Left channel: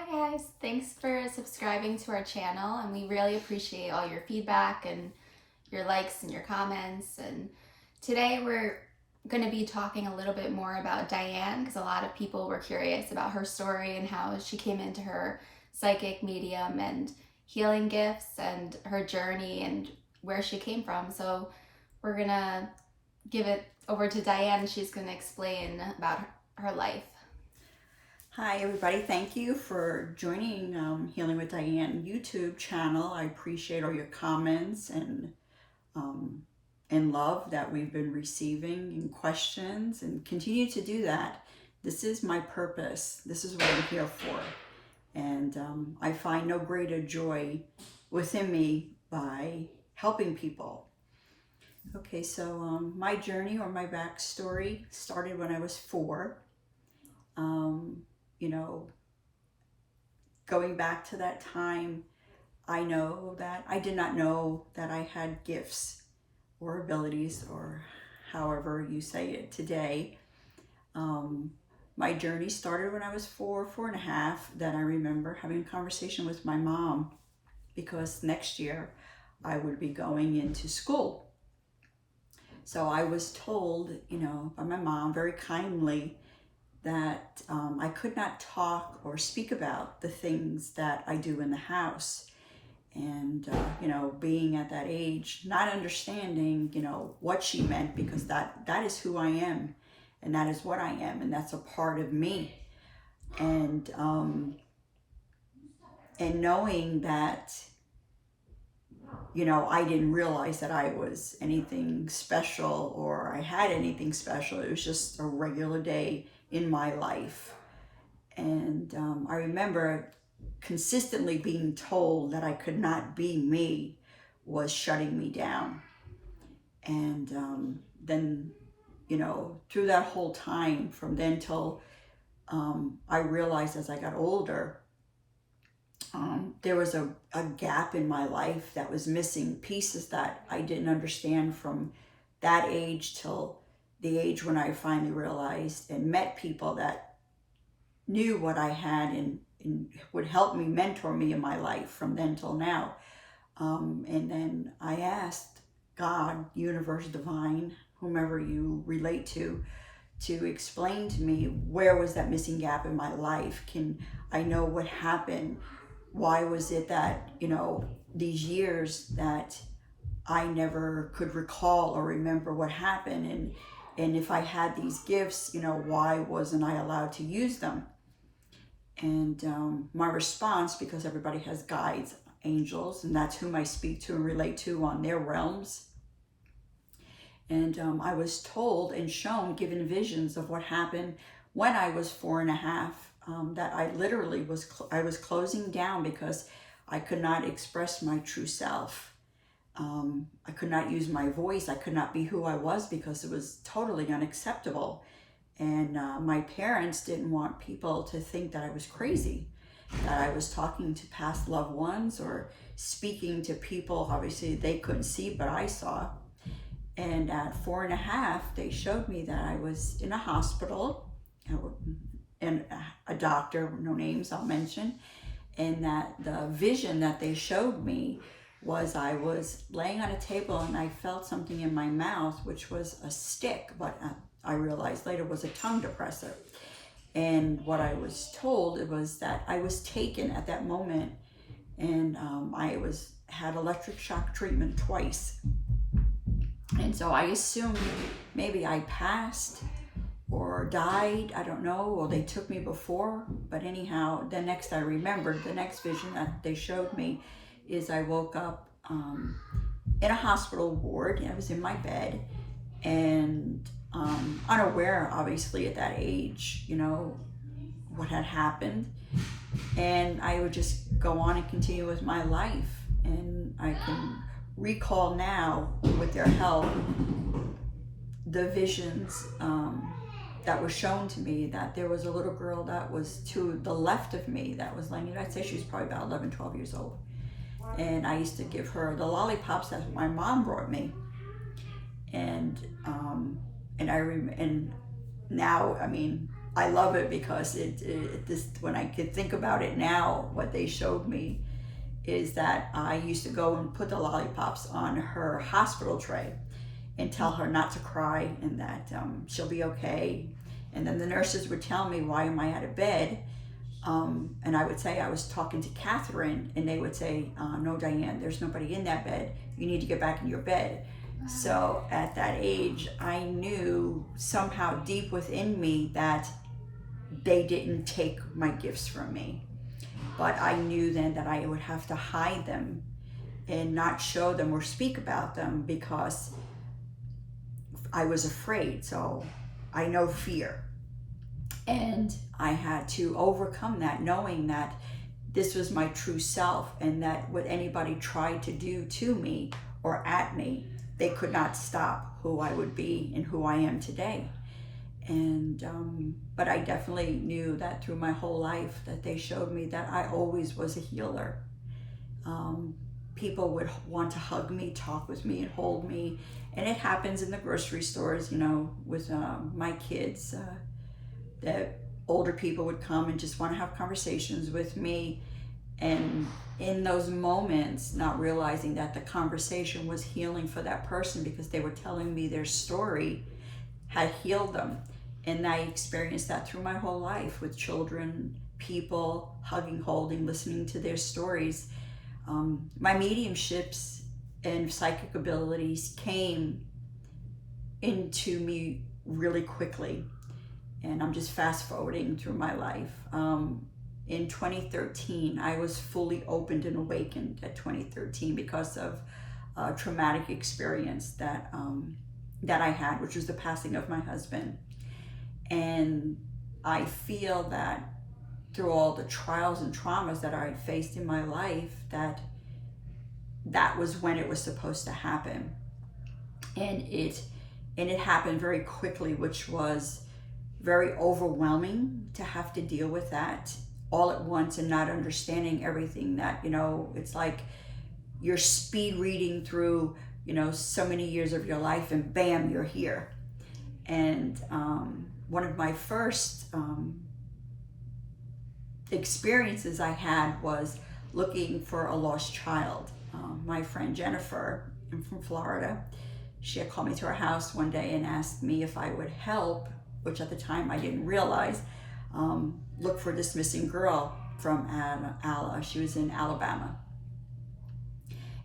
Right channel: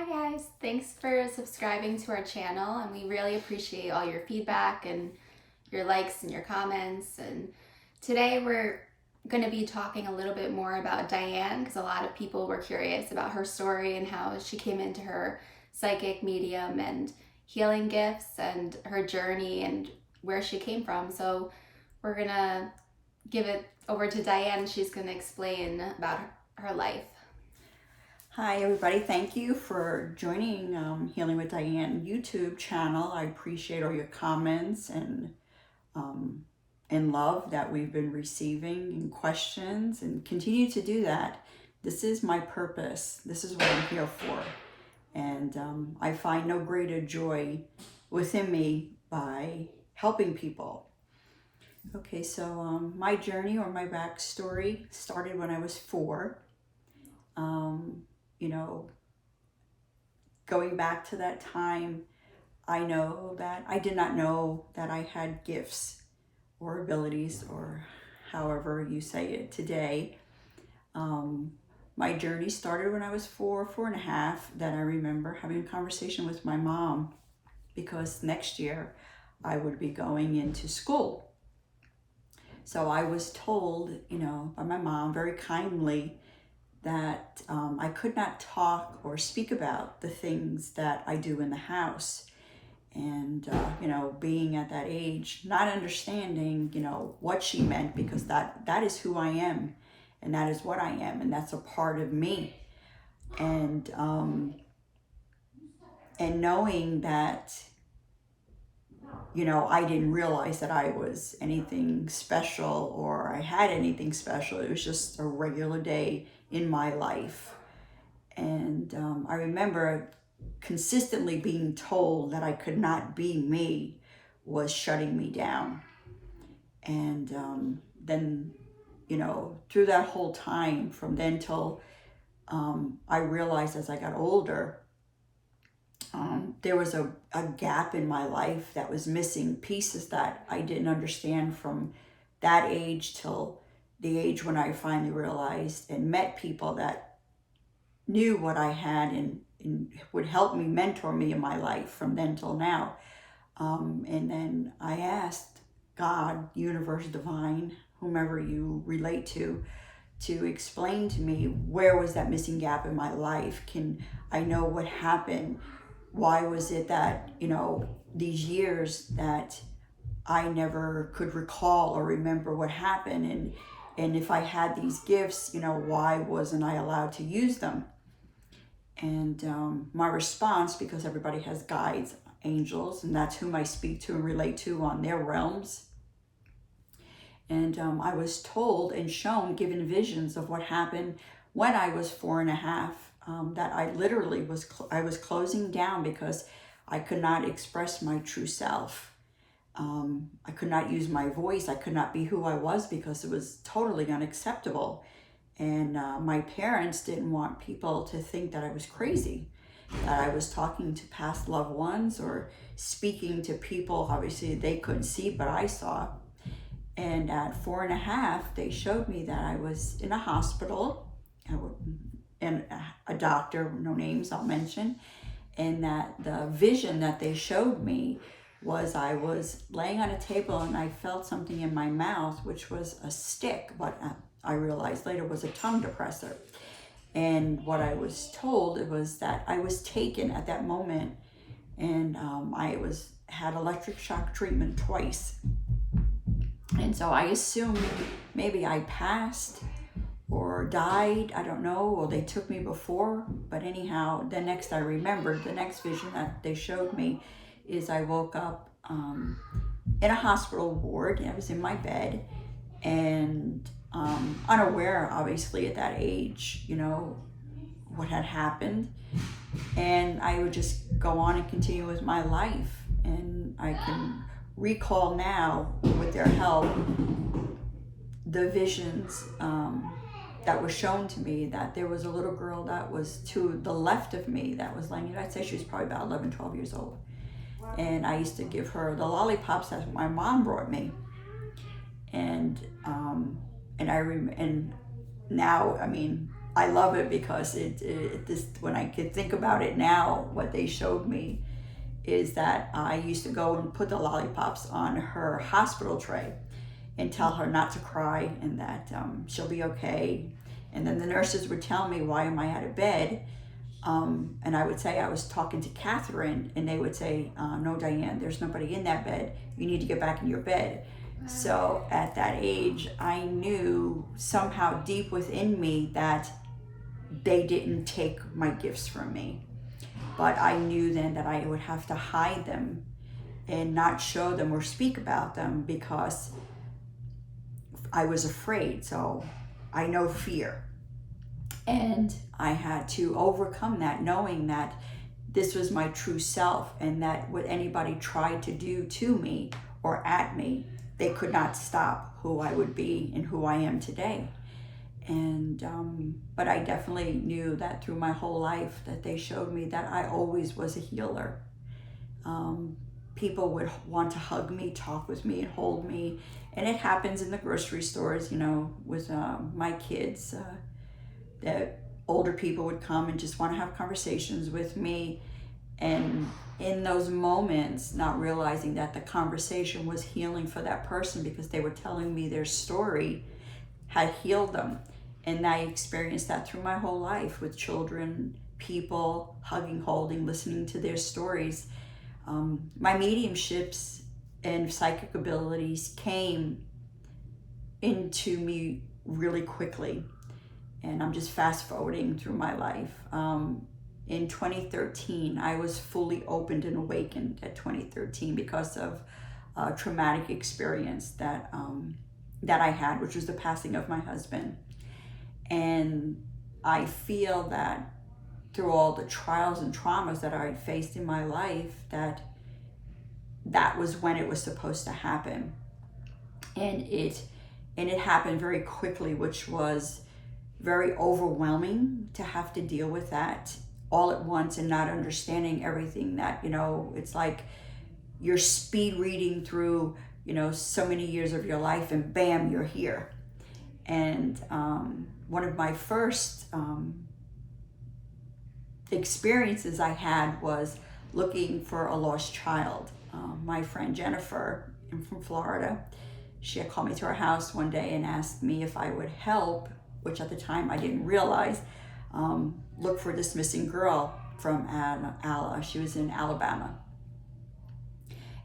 Hi guys, thanks for subscribing to our channel, and we really appreciate all your feedback and your likes and your comments. And today we're going to be talking a little bit more about Diane, because a lot of people were curious about her story and how she came into her psychic, medium, and healing gifts and her journey and where she came from. So we're going to give it over to Diane. She's going to explain about her life. Hi everybody, thank you for joining Healing with Diane YouTube channel. I appreciate all your comments and love that we've been receiving and questions, and continue to do that. This is my purpose. This is what I'm here for. And I find no greater joy within me by helping people. Okay, so my journey or my backstory started when I was 4. You know, going back to that time, I know that I did not know that I had gifts or abilities, or however you say it today. My journey started when I was 4.5. Then I remember having a conversation with my mom, because next year I would be going into school. So I was told, by my mom very kindly, that I could not talk or speak about the things that I do in the house. And, being at that age, not understanding, what she meant, because that is who I am, and that is what I am, and that's a part of me. And knowing that, I didn't realize that I was anything special or I had anything special. It was just a regular day in my life. And I remember consistently being told that I could not be me was shutting me down. And then, through that whole time, from then till I realized as I got older, there was a gap in my life that was missing pieces that I didn't understand from that age till the age when I finally realized and met people that knew what I had and would help me, mentor me in my life from then till now. And then I asked God, universe, divine, whomever you relate to explain to me, where was that missing gap in my life? Can I know what happened? Why was it that, these years that I never could recall or remember what happened? And if I had these gifts, why wasn't I allowed to use them? And my response, because everybody has guides, angels, and that's whom I speak to and relate to on their realms. And I was told and shown, given visions of what happened when I was 4.5, that I literally was closing down because I could not express my true self. I could not use my voice. I could not be who I was because it was totally unacceptable. And my parents didn't want people to think that I was crazy, that I was talking to past loved ones or speaking to people. Obviously, they couldn't see, but I saw. And at 4.5, they showed me that I was in a hospital, and a doctor, no names I'll mention, and that the vision that they showed me was I was laying on a table and I felt something in my mouth, which was a stick, but I realized later was a tongue depressor. And what I was told, it was that I was taken at that moment, and I had electric shock treatment twice. And so I assumed maybe I passed or died, I don't know, or they took me before. But anyhow, the next vision that they showed me is I woke up in a hospital ward, and I was in my bed, and unaware, obviously, at that age, what had happened. And I would just go on and continue with my life. And I can recall now, with their help, the visions that were shown to me, that there was a little girl that was to the left of me that was laying, I'd say she was probably about 11, 12 years old. And I used to give her the lollipops that my mom brought me. And now, I love it because when I could think about it now, what they showed me is that I used to go and put the lollipops on her hospital tray and tell her not to cry and that she'll be okay. And then the nurses would tell me, why am I out of bed? And I would say I was talking to Catherine, and they would say, no, Diane, there's nobody in that bed. You need to get back in your bed. Wow. So at that age, I knew somehow deep within me that they didn't take my gifts from me. But I knew then that I would have to hide them and not show them or speak about them because I was afraid. So I know fear. And I had to overcome that, knowing that this was my true self and that what anybody tried to do to me or at me, they could not stop who I would be and who I am today. And but I definitely knew that through my whole life that they showed me that I always was a healer. People would want to hug me, talk with me, and hold me. And it happens in the grocery stores, with my kids. That older people would come and just want to have conversations with me. And in those moments, not realizing that the conversation was healing for that person because they were telling me their story had healed them. And I experienced that through my whole life with children, people, hugging, holding, listening to their stories. My mediumships and psychic abilities came into me really quickly. And I'm just fast forwarding through my life. In 2013, I was fully opened and awakened at 2013 because of a traumatic experience that I had, which was the passing of my husband. And I feel that through all the trials and traumas that I faced in my life, that was when it was supposed to happen. And it happened very quickly, which was very overwhelming to have to deal with that all at once and not understanding everything that, it's like you're speed reading through, so many years of your life and bam, you're here. And one of my first experiences I had was looking for a lost child. My friend Jennifer, I'm from Florida, she had called me to her house one day and asked me if I would help, which at the time I didn't realize, look for this missing girl from she was in Alabama.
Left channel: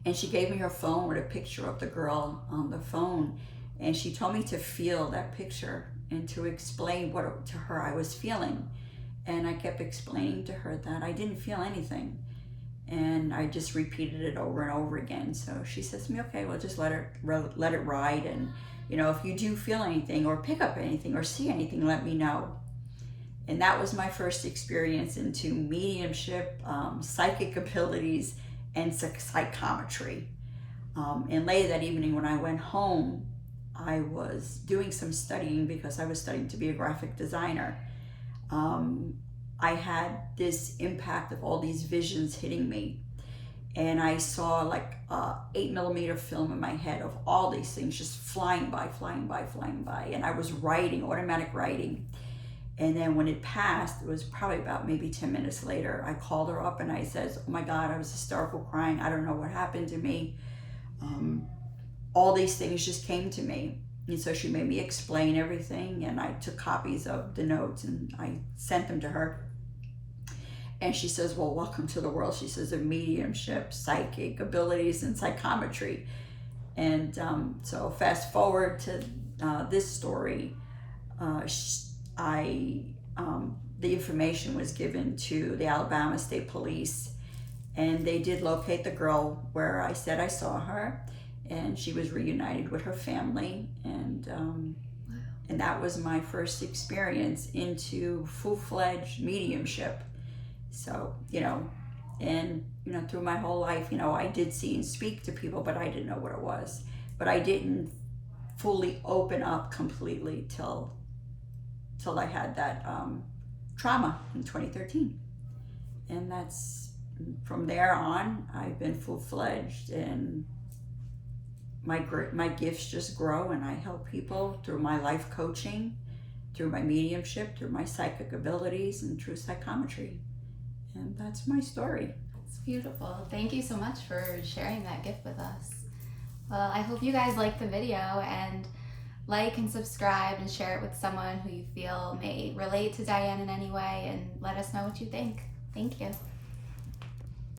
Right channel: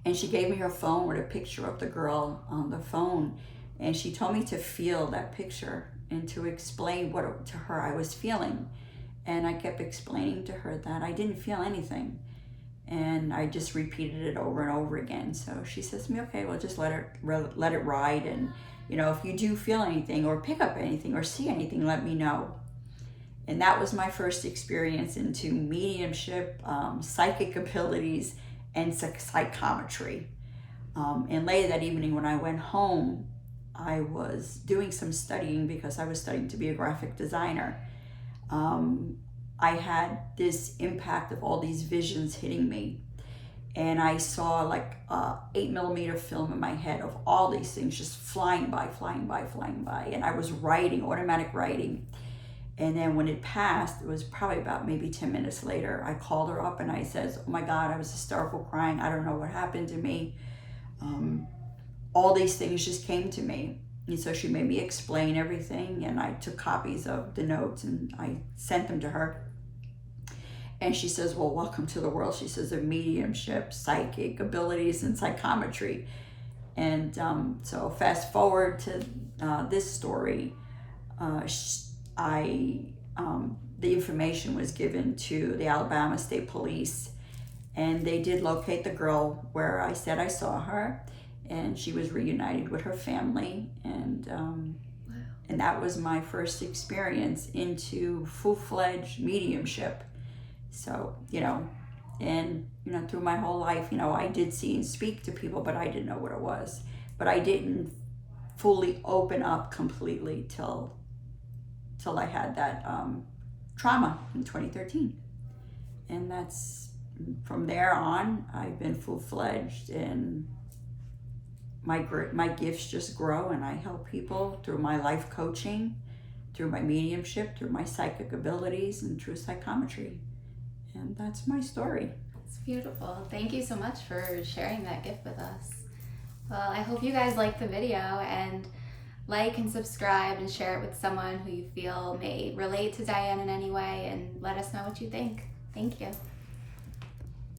And she gave me her phone with a picture of the girl on the phone. And she told me to feel that picture and to explain what to her I was feeling. And I kept explaining to her that I didn't feel anything. And I just repeated it over and over again. So she says to me, okay, well, just let it ride. And, if you do feel anything or pick up anything or see anything, let me know. And that was my first experience into mediumship, psychic abilities, and psychometry. And later that evening when I went home, I was doing some studying because I was studying to be a graphic designer. I had this impact of all these visions hitting me. And I saw like 8mm film in my head of all these things just flying by. And I was writing, automatic writing. And then when it passed, it was probably about maybe 10 minutes later, I called her up and I said, oh my God, I was hysterical crying. I don't know what happened to me. All these things just came to me. And so she made me explain everything. And I took copies of the notes and I sent them to her. And she says, well, welcome to the world. She says, of mediumship, psychic abilities, and psychometry. And so fast forward to this story, the information was given to the Alabama State Police, and they did locate the girl where I said I saw her, and she was reunited with her family. And wow. And that was my first experience into full-fledged mediumship. So, through my whole life, I did see and speak to people, but I didn't know what it was. But I didn't fully open up completely till I had that trauma in 2013. And that's, from there on, I've been full-fledged, and my gifts just grow, and I help people through my life coaching, through my mediumship, through my psychic abilities, and through psychometry. And that's my story. It's beautiful. Thank you so much for sharing that gift with us. Well, I hope you guys liked the video, and like and subscribe and share it with someone who you feel may relate to Diane in any way, and let us know what you think. Thank you.